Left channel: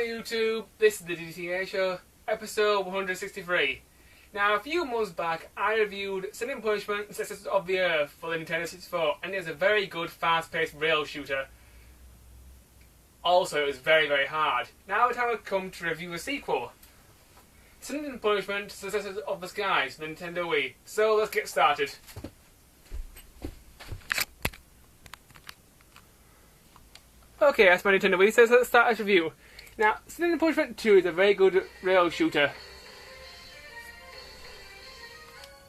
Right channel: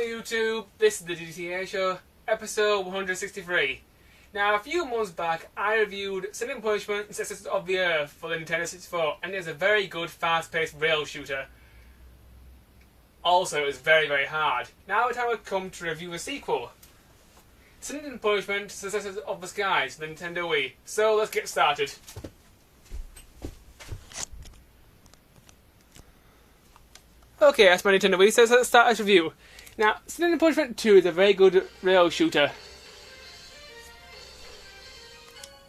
YouTube, this is the Dbtgamer Show, episode 163. Now, a few months back, I reviewed Sin and Punishment and Sisters of the Earth for the Nintendo 64, and it was a very good, fast-paced rail shooter. Also, it was very, very hard. Now the time has come to review a sequel. Sin and Punishment, Sisters of the Skies, for the Nintendo Wii. So, let's get started. Okay, that's my Nintendo Wii, so let's start this review. Now, Sin and Punishment 2 is a very good rail shooter.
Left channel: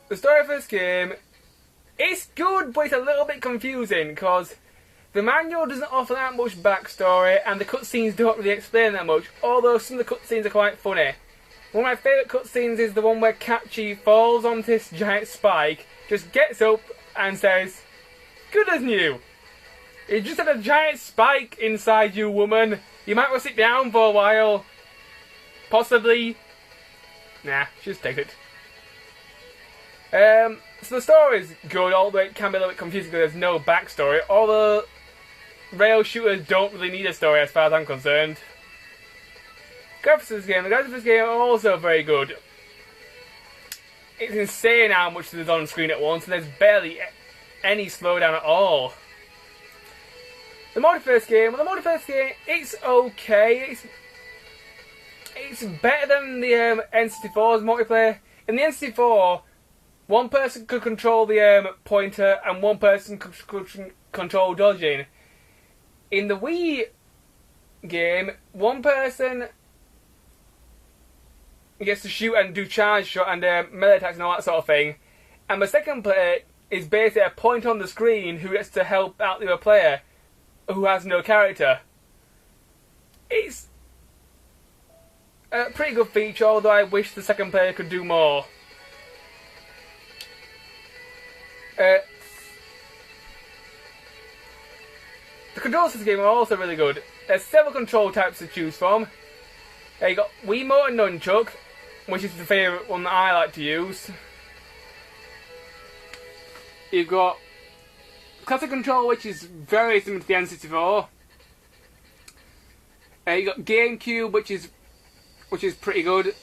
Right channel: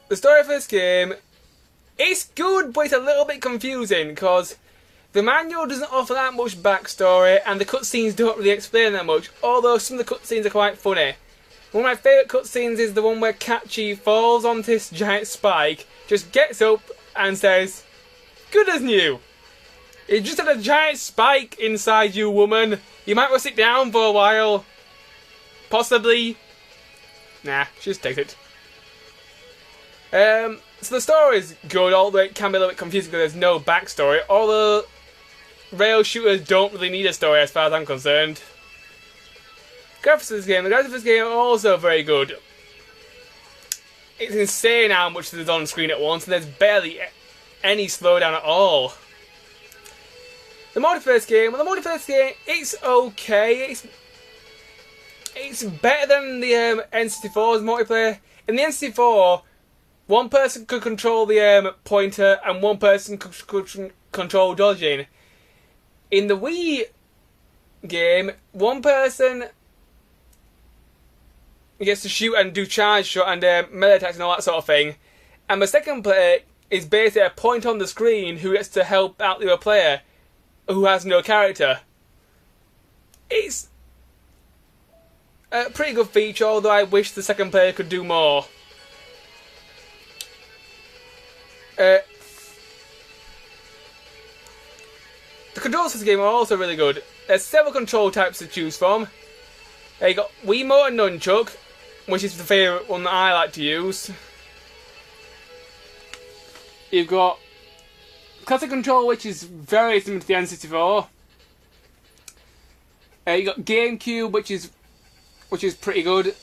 The story for this game, it's good, but it's a little bit confusing, because the manual doesn't offer that much backstory, and the cutscenes don't really explain that much, although some of the cutscenes are quite funny. One of my favourite cutscenes is the one where Kachi falls onto this giant spike, just gets up and says, "Good as new. You just had a giant spike inside you, woman. You might want to sit down for a while. Possibly." Nah, just take it. So the story's good, although it can be a little bit confusing because there's no backstory. Although rail shooters don't really need a story as far as I'm concerned. Graphics of this game. The graphics of this game are also very good. It's insane how much there's on screen at once, and there's barely any slowdown at all. The multiplayer game, it's okay. It's better than the N64's multiplayer. In the N64, one person could control the pointer and one person could control dodging. In the Wii game, one person gets to shoot and do charge shot and melee attacks and all that sort of thing. And the second player is basically a point on the screen who gets to help out the other player who has no character. It's a pretty good feature, although I wish the second player could do more. The controls for this game are also really good. There's several control types to choose from. You got Wiimote and Nunchuck, which is the favourite one that I like to use. You've got Classic Control, which is very similar to the N64. You got GameCube, which is pretty good.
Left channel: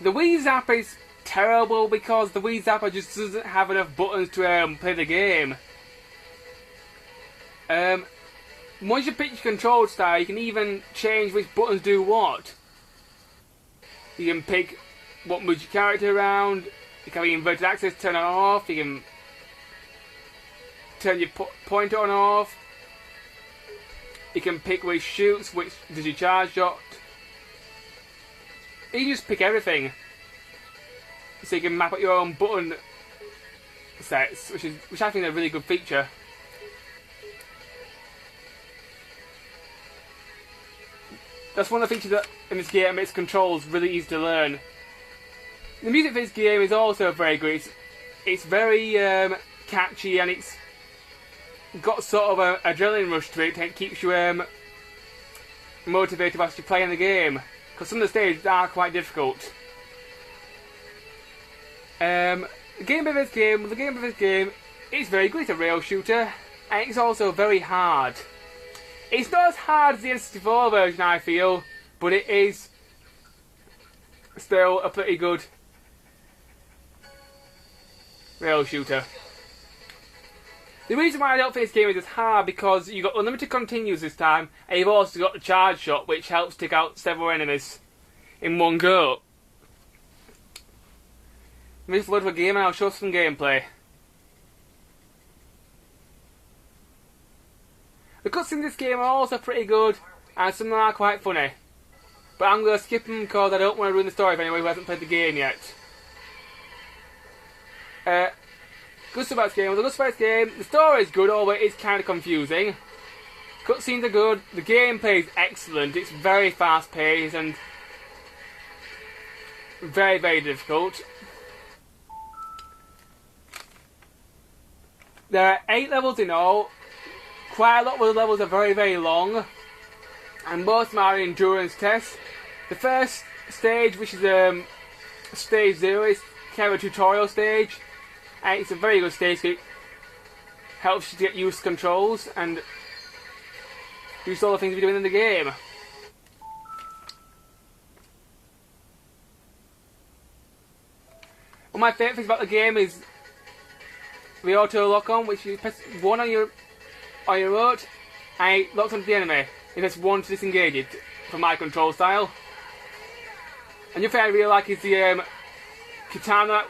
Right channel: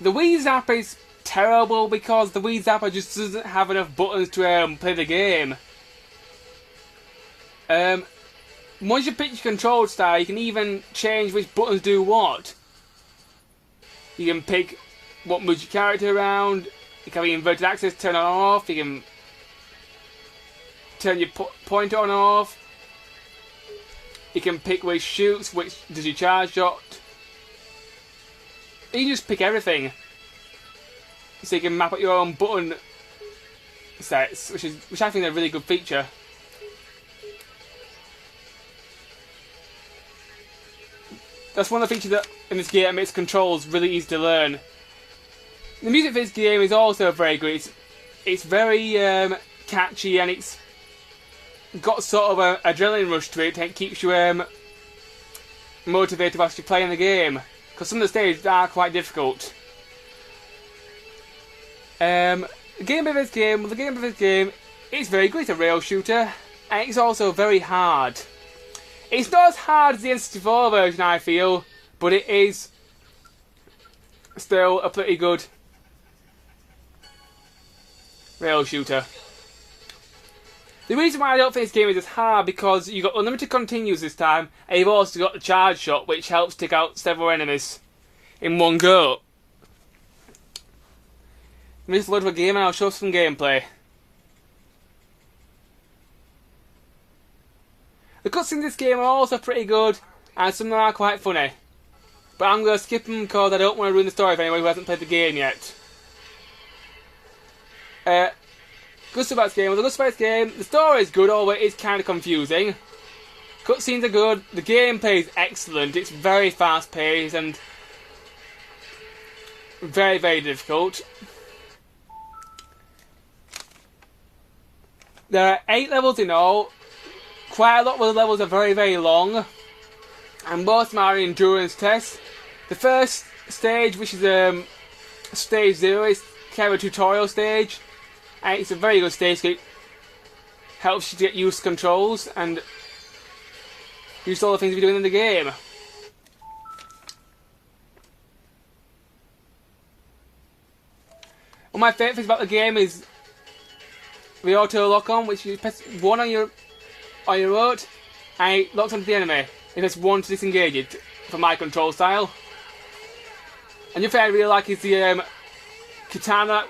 The Wii Zapper is terrible because the Wii Zapper just doesn't have enough buttons to play the game. Once you pick your control style, you can even change which buttons do what. You can pick what moves your character around. You can have inverted axis, turn on and off. You can turn your pointer on and off. You can pick which shoots, which does your charge shot. You can just pick everything. So you can map out your own button sets, which I think is a really good feature. That's one of the features that in this game makes controls really easy to learn. The music for this game is also very good. It's very catchy, and it's got sort of an adrenaline rush to it. It keeps you motivated whilst you're playing the game, because some of the stages are quite difficult. The gameplay of this game is very good. It's a rail shooter, and it's also very hard. It's not as hard as the N64 version, I feel, but it is still a pretty good rail shooter. The reason why I don't think this game is as hard because you've got unlimited continues this time, and you've also got the charge shot, which helps take out several enemies in one go. This is a load of a game, and I'll show some gameplay. The cutscenes in this game are also pretty good, and some of them are quite funny. But I'm going to skip them because I don't want to ruin the story for anyone who hasn't played the game yet. Good stuff about this game. The story is good, although it's kind of confusing. Cutscenes are good. The gameplay is excellent. It's very fast paced and very, very difficult. There are 8 levels in all. Quite a lot of the levels are very, very long, and most of them are endurance tests. The first stage, which is stage 0, is kind of a tutorial stage, and it's a very good stage. It helps you to get used to controls and use all the things you're doing in the game. One of my favourite things about the game is the auto lock on, which you press 1 on your remote and it locks onto the enemy. You press 1 to disengage it for my control style. And the other thing I really like is the katana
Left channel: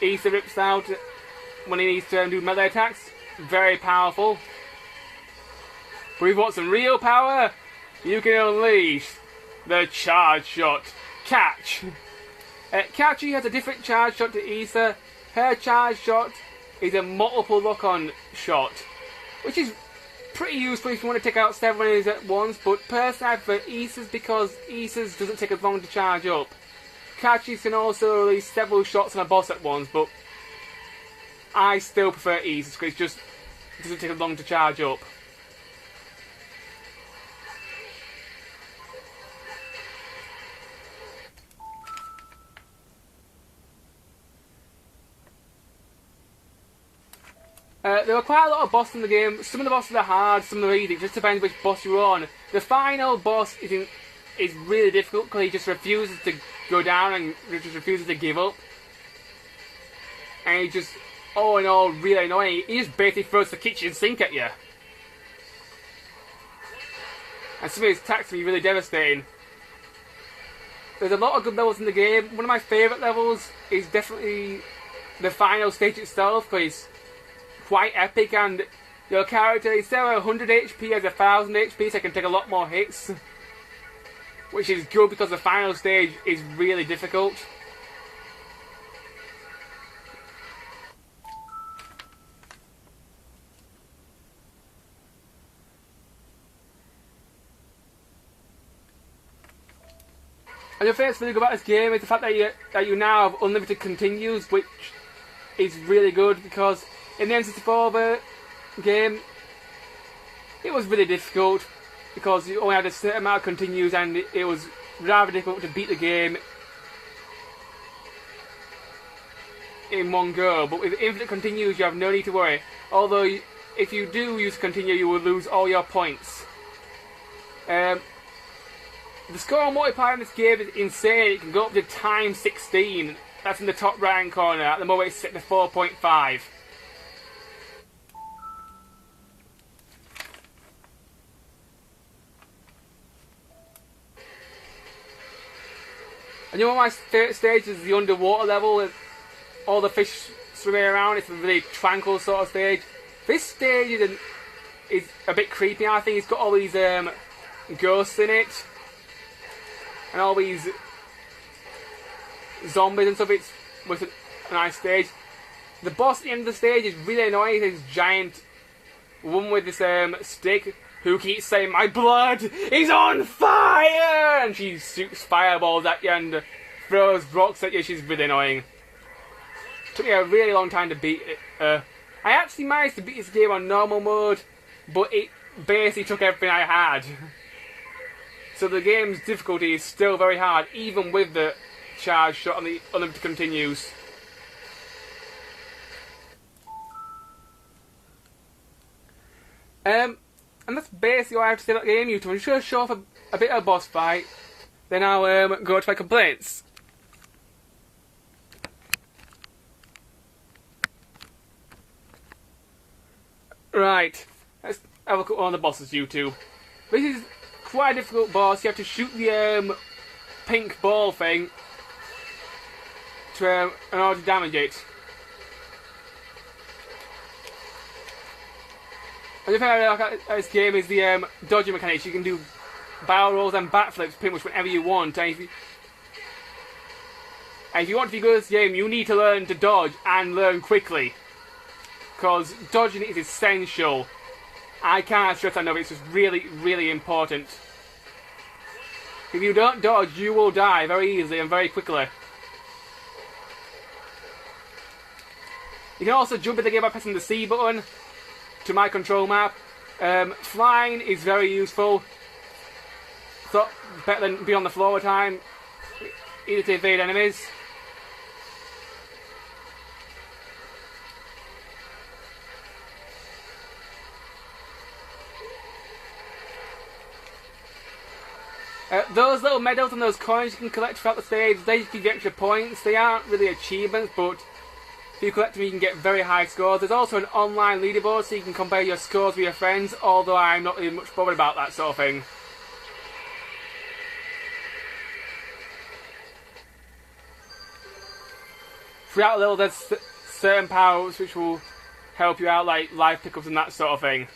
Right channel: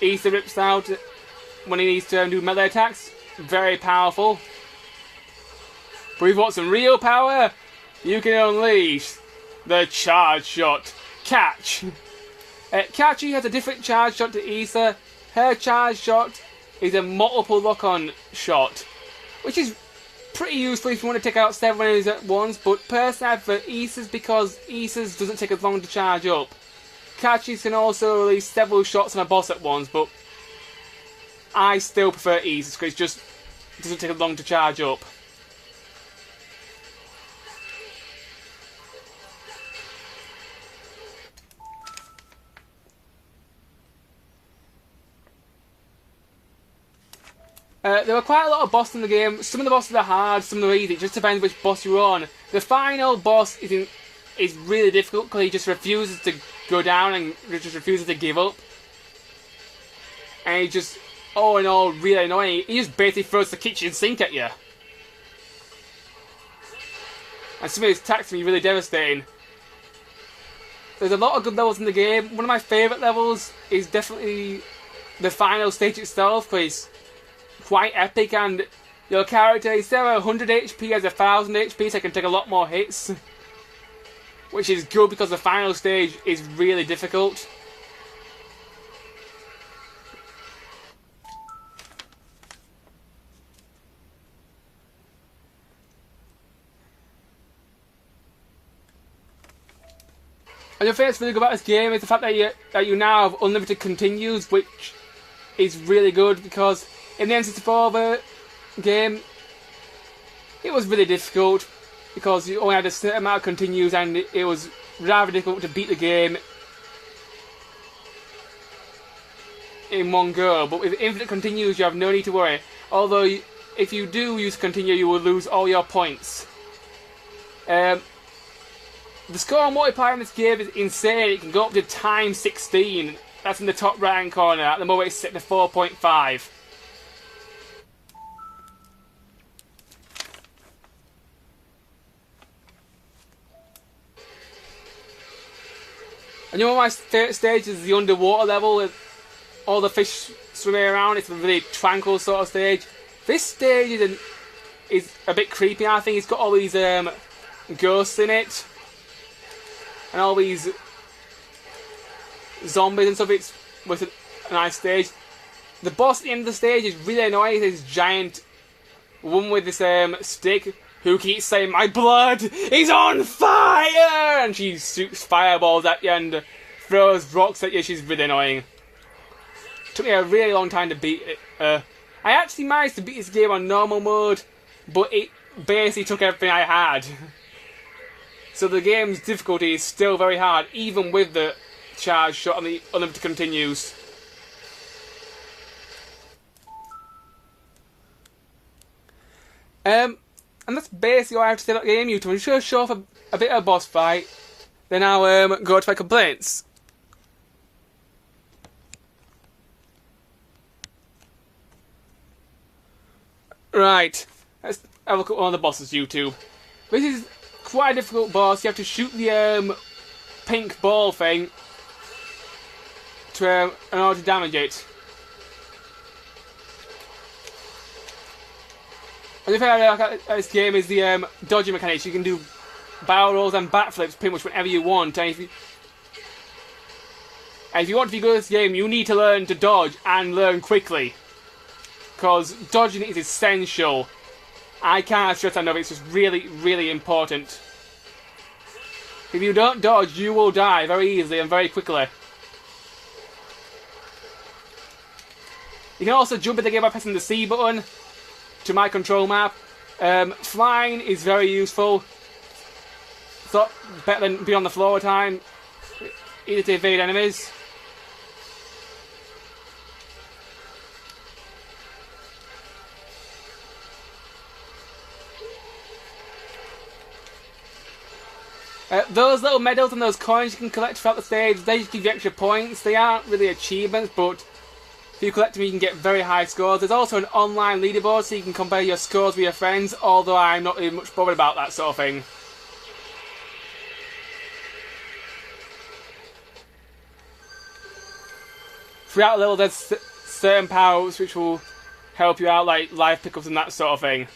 Issa rips out when he needs to do melee attacks. Very powerful. But if you want some real power, you can unleash the charge shot. Catch! Kachi has a different charge shot to Issa. Her charge shot is a multiple lock-on shot, which is pretty useful if you want to take out several enemies at once, but personally I prefer Issa's because Issa's doesn't take as long to charge up. Kachi's can also release several shots on a boss at once, but I still prefer Issa's because it just doesn't take as long to charge up. There are quite a lot of bosses in the game. Some of the bosses are hard, some of them are easy. It just depends which boss you're on. The final boss is really difficult because he just refuses to go down and he just refuses to give up. And he just, all in all, really annoying. He just basically throws the kitchen sink at you. And some of his attacks can be really devastating. There's a lot of good levels in the game. One of my favourite levels is definitely the final stage itself, because quite epic, and your character is there 100 HP has 1000 HP, so it can take a lot more hits, which is good because the final stage is really difficult. And the thing that's really good about this game is the fact that you now have unlimited continues, which is really good because in the N64 game, it was really difficult because you only had a certain amount of continues and it was rather difficult to beat the game in one go. But with infinite continues, you have no need to worry. Although, if you do use continue, you will lose all your points. The score on multiplayer in this game is insane. It can go up to times 16. That's in the top right hand corner. At the moment, it's set to 4.5. And you know, one of my favourite stages is the underwater level with all the fish swimming around. It's a really tranquil sort of stage. This stage is a bit creepy, I think. It's got all these ghosts in it. And all these zombies and stuff. It's with a nice stage. The boss at the end of the stage is really annoying. This giant woman with this stick who keeps saying, "My blood is on fire!" And she shoots fireballs at you and throws rocks at you. She's really annoying. Took me a really long time to beat it. I actually managed to beat this game on normal mode, but it basically took everything I had. So the game's difficulty is still very hard, even with the charge shot and the unlimited continues. And that's basically all I have to say about the game, YouTube. I'm just going to show off a bit of a boss fight, then I'll go to my complaints. Right, let's have a look at one of the bosses, YouTube. This is quite a difficult boss. You have to shoot the pink ball thing to in order to damage it. And the thing I like about this game is the dodging mechanics. You can do barrel rolls and backflips pretty much whenever you want. And if you want to be good at this game, you need to learn to dodge and learn quickly, because dodging is essential. I can't stress that enough. It's just really, really important. If you don't dodge, you will die very easily and very quickly. You can also jump in the game by pressing the C button to my control map. Flying is very useful. So better than being on the floor all the time, either to evade enemies. Those little medals and those coins you can collect throughout the stage, they just give you extra points. They aren't really achievements, but if you collect them you can get very high scores. There's also an online leaderboard so you can compare your scores with your friends, although I'm not really much bothered about that sort of thing. Throughout the level there's certain power-ups which will help you out, like life pickups and that sort of thing.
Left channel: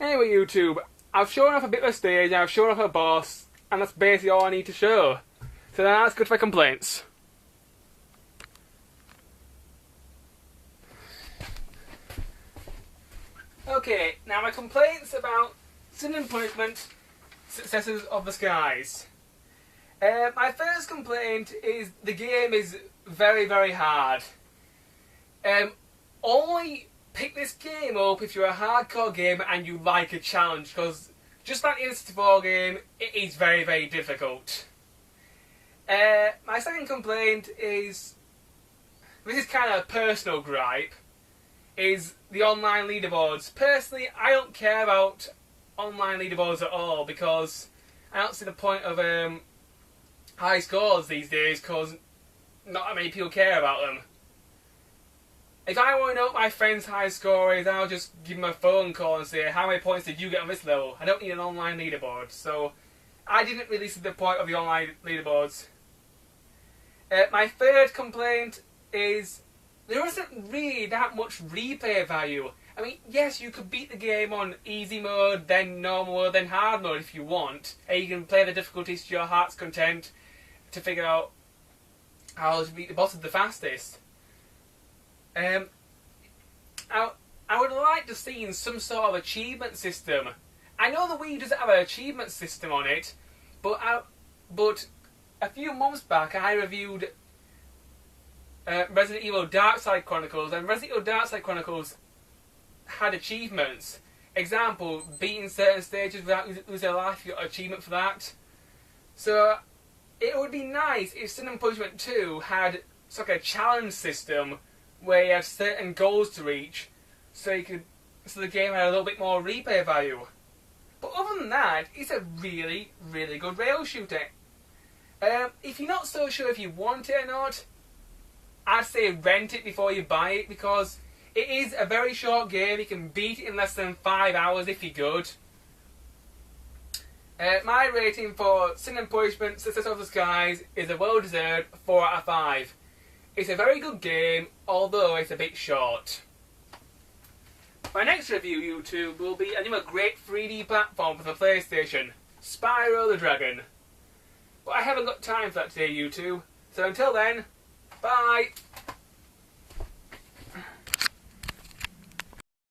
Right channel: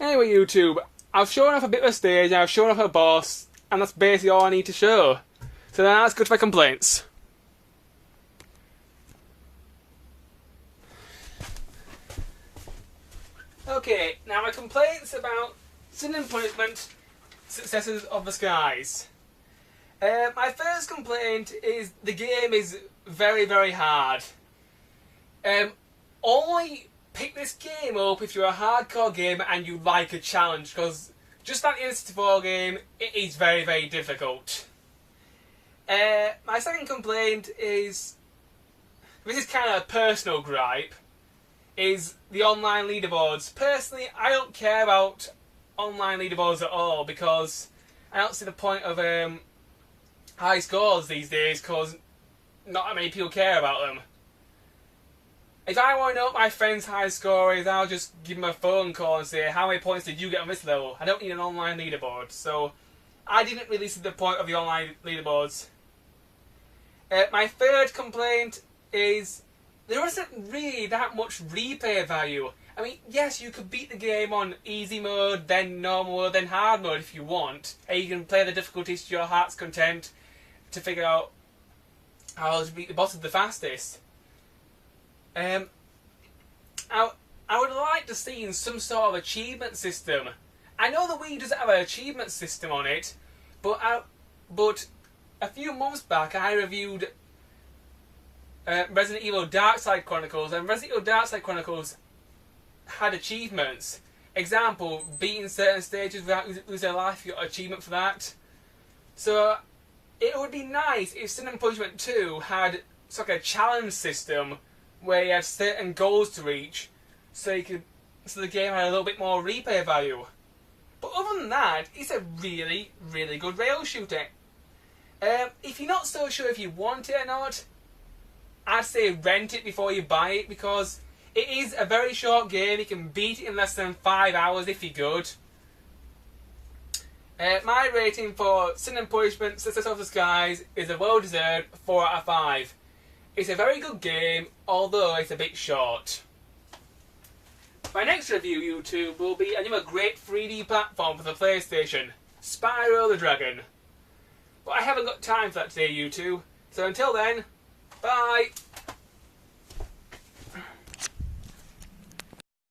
Anyway, YouTube, I've shown off a bit of a stage, I've shown off a boss, and that's basically all I need to show. So now let's go to my complaints. Okay, now my complaints about Sin and Punishment, Successors of the Skies. My first complaint is the game is very, very hard. Only pick this game up if you're a hardcore gamer and you like a challenge, because just like the N64 game, it is very, very difficult. My second complaint is, this is kind of a personal gripe, is the online leaderboards. Personally, I don't care about online leaderboards at all, because I don't see the point of high scores these days, because not that many people care about them. If I want to know what my friend's high score is, I'll just give him a phone call and say, how many points did you get on this level? I don't need an online leaderboard. So I didn't really see the point of the online leaderboards. My third complaint is there isn't really that much replay value. I mean, yes, you could beat the game on easy mode, then normal mode, then hard mode if you want. And you can play the difficulties to your heart's content to figure out how to beat the bosses the fastest. I would like to see some sort of achievement system. I know the Wii doesn't have an achievement system on it, but a few months back I reviewed Resident Evil Darkside Chronicles, and Resident Evil Darkside Chronicles had achievements. Example, beating certain stages without losing a life, you got an achievement for that. So it would be nice if Sin and Punishment 2 had sort of a challenge system where you had certain goals to reach, so the game had a little bit more replay value. But other than that, it's a really, really good rail shooter. If you're not so sure if you want it or not, I'd say rent it before you buy it, because it is a very short game. You can beat it in less than 5 hours if you're good. My rating for Sin and Punishment, Success of the Skies is a well-deserved 4 out of 5. It's a very good game, although it's a bit short. My next review, YouTube, will be a great 3D platform for the PlayStation, Spyro the Dragon. But I haven't got time for that today, YouTube. So until then, bye!